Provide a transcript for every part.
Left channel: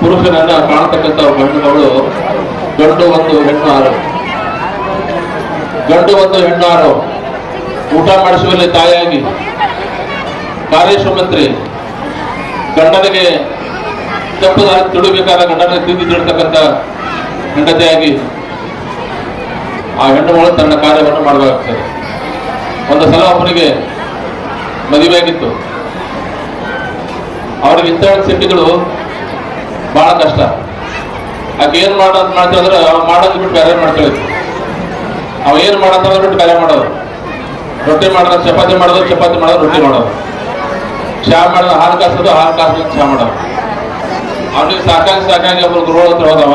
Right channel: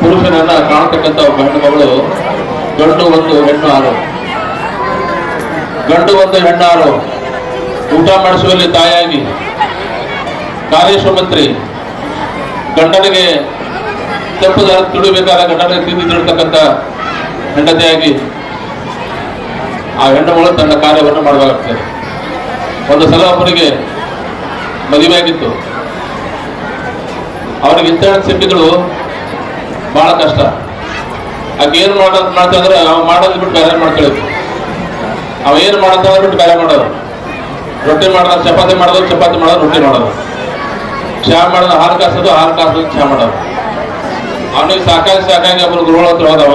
ಪುರುಷನನ್ನ ಒಬ್ಬ ಹೆಣ್ಣು ಮಗಳು ಗಂಡು ಒಂದು ಹೆಣ್ಣು ಆರು ಗಂಡು ಒಂದು ಹೆಣ್ಣು ಆರು ಊಟ ಮಾಡಿಸುವಲ್ಲಿ ತಾಯಾಗಿ ಕಾರ್ಯಶ್ರಮಂತ್ರಿ. ಗಂಡನಿಗೆ ತಪ್ಪು ತಿಳಿಬೇಕಾದ ಗಂಡನಿಗೆ ತಿಂದಿ ಹೆಂಡತಿಯಾಗಿ ಆ ಹೆಣ್ಣುಗಳು ತನ್ನ ಕಾರ್ಯವನ್ನು ಮಾಡಬೇಕಾಗ್ತದೆ. ಒಂದು ಸಲ ಅವನಿಗೆ ಮದುವೆ ಆಗಿತ್ತು ಅವ್ರಿಗೆ ಇಂಥ ಸಿಟ್ಟಿಗಳು ಬಹಳ ಕಷ್ಟ. ಆಕೆ ಏನ್ ಮಾಡೋದು ಮಾಡ್ತಿದ್ರೆ ಅವ್ ಮಾಡೋದು ಬಿಟ್ಟು ಕಾರ್ಯ ಮಾಡ್ತಾಳೆ ಅವ ಏನ್ ಮಾಡತ್ತಂದ್ರೆ ಬಿಟ್ಟು ಕಾರ್ಯ ಮಾಡೋದು ರೊಟ್ಟಿ ಮಾಡೋದು ಚಪಾತಿ ಮಾಡೋದು ಚಪಾತಿ ಮಾಡೋದು, ರೊಟ್ಟಿ ಮಾಡೋದು. ಚಹಾ ಮಾಡೋದು ಹಾಲು ಕಾಸೋದು ಹಾಲು ಕಾಸೋದು ಚಹಾ ಮಾಡೋದು. ಅವನಿಗೆ ಸಾಕಾಗಿ ಸಾಕಾಗಿ ಒಬ್ರು ಗುರುಗಳ ಹತ್ರ ಹೋದವ.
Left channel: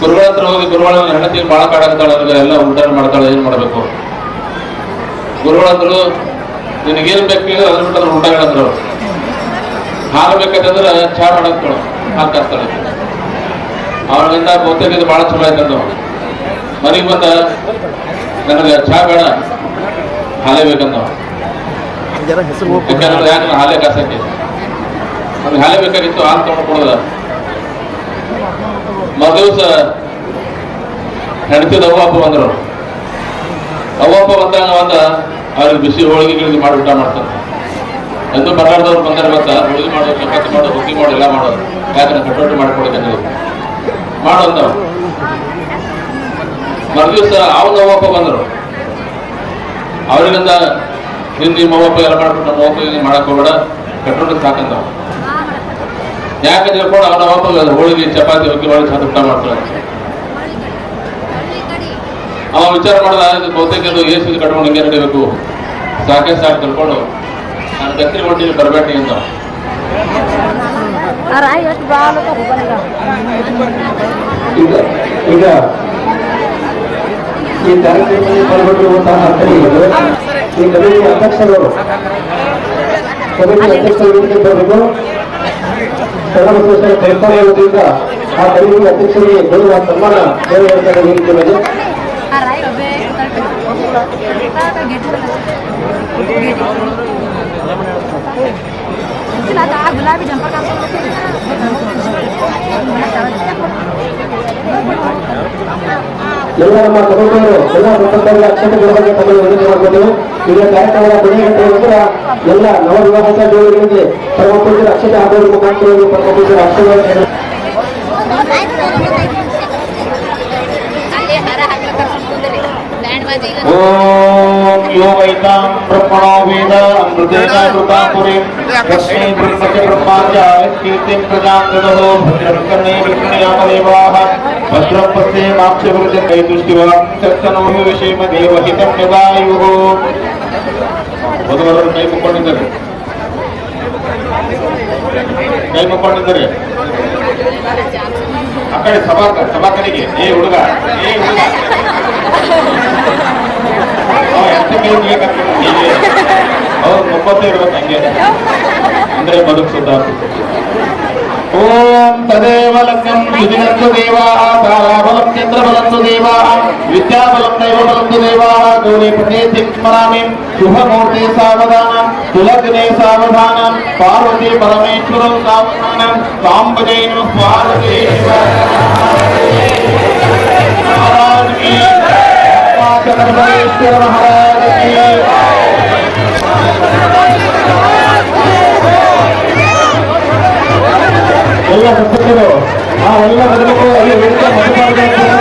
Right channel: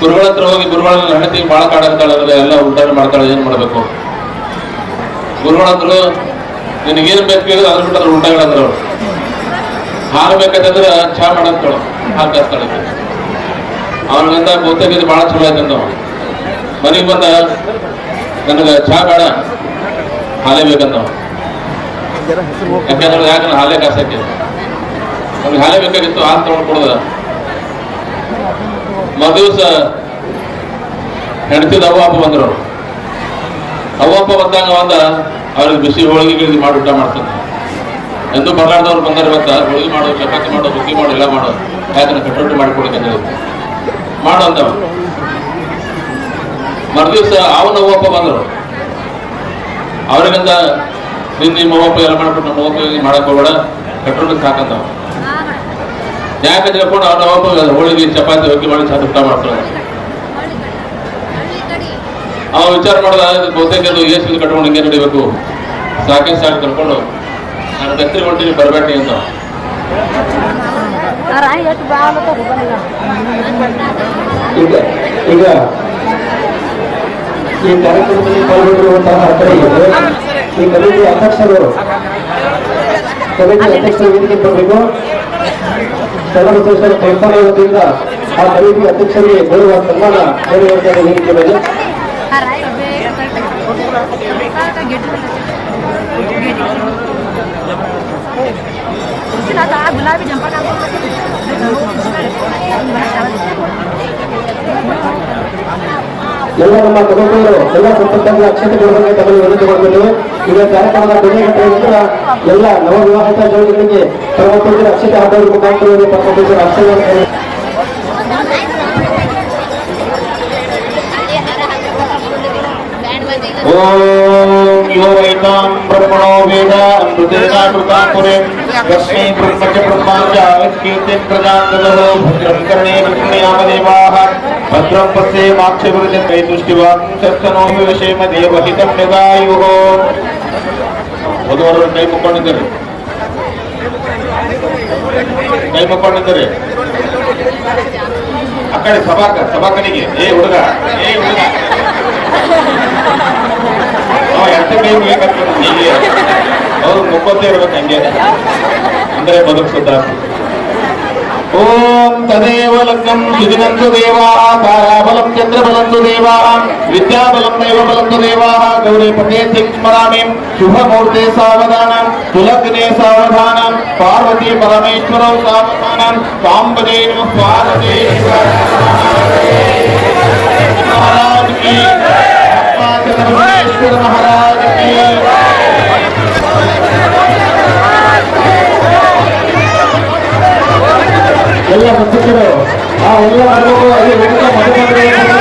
ಗುರುಗಳ ಹತ್ರ ಹೋಗಿ ಗುರುಗಳ ಹೆಂಡತಿ ಭಾಳ ಕಾಡಾಗ್ತಾಳೆ ಎಲ್ಲ ಉಲ್ಟಾಣ ಮಾಡ್ತಾಳೆ, ಏನು ಮಾಡಬೇಕು? ಗುರುಗಳ ಹತ್ರ ನಿನಗೇನು ಬೇಕು ಅದ್ರ ಬಿಟ್ಟು ಅದ್ರ ಊಟ ಹೇಳಿದ್ರು ಚಾ ಮಾಡಂತ ಹಾಲು ಕಾಸ್ತಾಳೆ ಅವನಿಗಂದ ಬಹುತೇಕ ಇದು ಭಾಳ ಚಲೋ ಆಯ್ತಂದ ಮನೆಗೆ ಬಂದ ನನಗೆ ಚಹಾ ಬೇಡ, ಹಾಲೇ ಬೇಕಂದ ಯಾಕಂದ್ರೆ ಯಾಕಂದ್ರೆ ಹಾಲೇ ಕಾಸಕ್ಕೆ. ನಮ್ಗೆ ಹಾಲೇ ಬೇಕಾಗಿತ್ತು, ಹಾಲು ತಗೊಂಡು ಕೊಡೋದ. ಹೆಂಡತಿದ ಅವ್ವ, ಅಪ್ಪ ಬಂದರು. ಅವ್ವ, ಅಪ್ಪ ಬಂದಾಗ ಅಂದ, ಅವ್ರಿಗೆ ಬಿಸಿ ಹೋಳಿಗೆ ಗಿಳಿಗೆ ಮಾಡಿ ಊಟ ಮಾಡ್ತಾನೆ ಎಂದು ಬರಲಾರ್ದವ್ರು ಬಂದರೆ ಗೊತ್ತಾ? ಉಳಿದು ಮಾಡೋ ಚಪಾತಿ ಮಾಡೋ ರೊಟ್ಟಿ ಮಾಡೋ ಎಲ್ಲ ಮಾಡೋ ಯಾಕಂದ್ರೆ ಕಟ್ಟೋಟಿ ಮಾಡಿಕೊಡಕ್ಕೆ ಮಾಡೋ ಅಂದ ಮರುದಿವಸ ಅವನ ನಮ್ಮಪ್ಪ ಬಂದರು. ಅವರಿಂದ ನಿನ್ನ ನಿಮ್ಮ ಎಲ್ಲ ಮಾಡ್ಬಿಟ್ಟು ನಮ್ಮ ಅವ್ವಪ್ಪ ಮಾಡಕ್ ಹೋಗ್ಬೇಡ. ಕಟ್ಟೋಟಕ್ಕೆ ಸಾಕಂದ ಯಾಕೆ ತಿಳ್ಕೊಂಡು ಅವ್ರ ಅವ್ವಪ್ಪ ಹೋಳಿಗೆ, ಚಪಾತಿ ಹೋಗಿ ಮಾಡಿ ಚಾ ಮಾಡ್ತಾರೆ. ಅವ ವಿಚಾರ ಮಾಡಿದ ಬಹುತೇಕ ಎಷ್ಟು ಕಟ್ಕೊಂಡು ಹಿಂಗೆ ನಡಿಬೇಕು. ಸಾಕೆ ಸಾಕು, ತಿಳ್ಕೊಂಡು ಗಟ್ಟಿ ಹೊಂಟಿನಿ ಬರಬೇಡಿ ಅಂತ. ಈಗ ಈಗ ಈ ಕಾರ್ಯಕ್ರಮದಲ್ಲಿ ಪಾಲ್ಗೊಂಡಿರುವಂತಹ ಅರ್ಥರಿಗೆ ಈ ಕಮಿಟಿ ಅಧ್ಯಕ್ಷರು ಕಮಿಟಿ ಅಧ್ಯಕ್ಷರು ವೇದಿಕೆ ಬರಬೇಕು ಸರ್ವೋತ್ತರ ಕರ್ತವ್ಯ ವತಿಯಿಂದ ಆ ಕಮಿಟಿ ಅಧ್ಯಕ್ಷರಿಗೆ ಗೌರವ ಸನ್ಮಾನ ಬೇರೆ ಮೇಲೆ ಆ ರಾಯಿ ಒಬ್ಬೇ ಕಾಕ ಗೆಡ್ಡು ಇಲ್ಲ ಆ ಗುಲಾಬಿ ಜಂಪರ್ ಎಲ್ಲ ನಮ್ಮ ಕಮಿಟಿಯರು ಎಲ್ಲ ಸಂಪತ್ತಲ್ಲಿ ಅಕ್ಷತೆ ಕೊಡಬೇಕು ತಮಗೆ ವಿನಂತಿ ಮಾಡಬೇಕು ಈಗ ಕಾರ್ಯಕ್ರಮದ ಬೆಳಗ್ಗೆ ನಂತರ ಎಲ್ಲ ನವವಿವಾಹಿತ ಜೋಡಿಗಳಿಗೆ ತಮ್ಮ ಅಕ್ಷತೆ ಹಾಕೋದ್ರ ಮುಖಾಂತರ ತಮ್ಮ ಅಕ್ಷತೆ ಓಂ ಯೋ ವೈತಾಂ ಬ್ರಹ್ಮಣೋ ವೇದ ಅಮೃತೇನ ದುರ್ಗಾಪುರಿಂ ಯಸ್ಮೈ ಬ್ರಹ್ಮಚ ಬ್ರಹ್ಮಾಂಚ ಕೀರ್ತಿಂ ಪ್ರಜಾಂತದೋ ಭದ್ರಂ ಕರ್ಣೇ ವೃಷ್ಣಿಯಾಮ ದೇವಾಃ ಭದ್ರಂ ಪಸ್ಯೇ ಮಾಕ್ಷ ವೃಜಂ ಕೈ ದೃಷ್ಟಿವಾಂ ಸತ್ತನೋಮಿ ವಿಷೇಮ ದೇವಹಿತಂ ಯದಾಯುಃ ಮೊದಲು ಕೈ ಮುಕ್ಕೊಂಡಿದ್ದಾರೆ ಕೈ ಮುಕ್ಕೊಂಡಿದ್ದಾರೆ ಆ ಕಡೆ ಸಭಾ ಸಭಾ ಏ ಹುಡುಗ ಏ ಹುಡುಗ ಅವ್ರು ಎಷ್ಟು ಕೈ ಮುಗಿಯಕತ್ತಾರೆ ಹೀಗೆ ಅವ್ರು ಮುಕ್ಕೋತೇ ಇರ್ಬೇಕು ಹಂಗೆ ಅಂದ್ರೆ ಬದುಕು ಸುಧಾರ ಓಂ ತದೇವ ಲಗ್ನಂ ಸುದಿನಂತು ದೇವಾಃ ತಾರಾಬಲಂ ಚಂದ್ರಬಲಂತು ದೇವಾಃ ವಿದ್ಯಾಬಲಂ ದೈವಬಲಂತು ದೇವಾಃ ಗೌರಿ ಪದೇ ಸ್ಮರಾಮಿ ಶುಭಮೂರ್ತೆ ಸಾವಧಾನಂ ಸುಲಗ್ನೆ ಸಾವಧಾನಂ ಪಾರ್ವತಿ ಪರಮೇಶ್ವರಂ ಸಾವಧಾನಂ ಸಾಂಬದೇ ನಮಃ ಎಲ್ಲ ಸಂಸದರು ಆ ಎಲ್ಲ ಬರಬೇಕು ಅಲ್ಲಿ ವೇದಿಕೆ ಮಧ್ಯಭಾಗದಲ್ಲಿ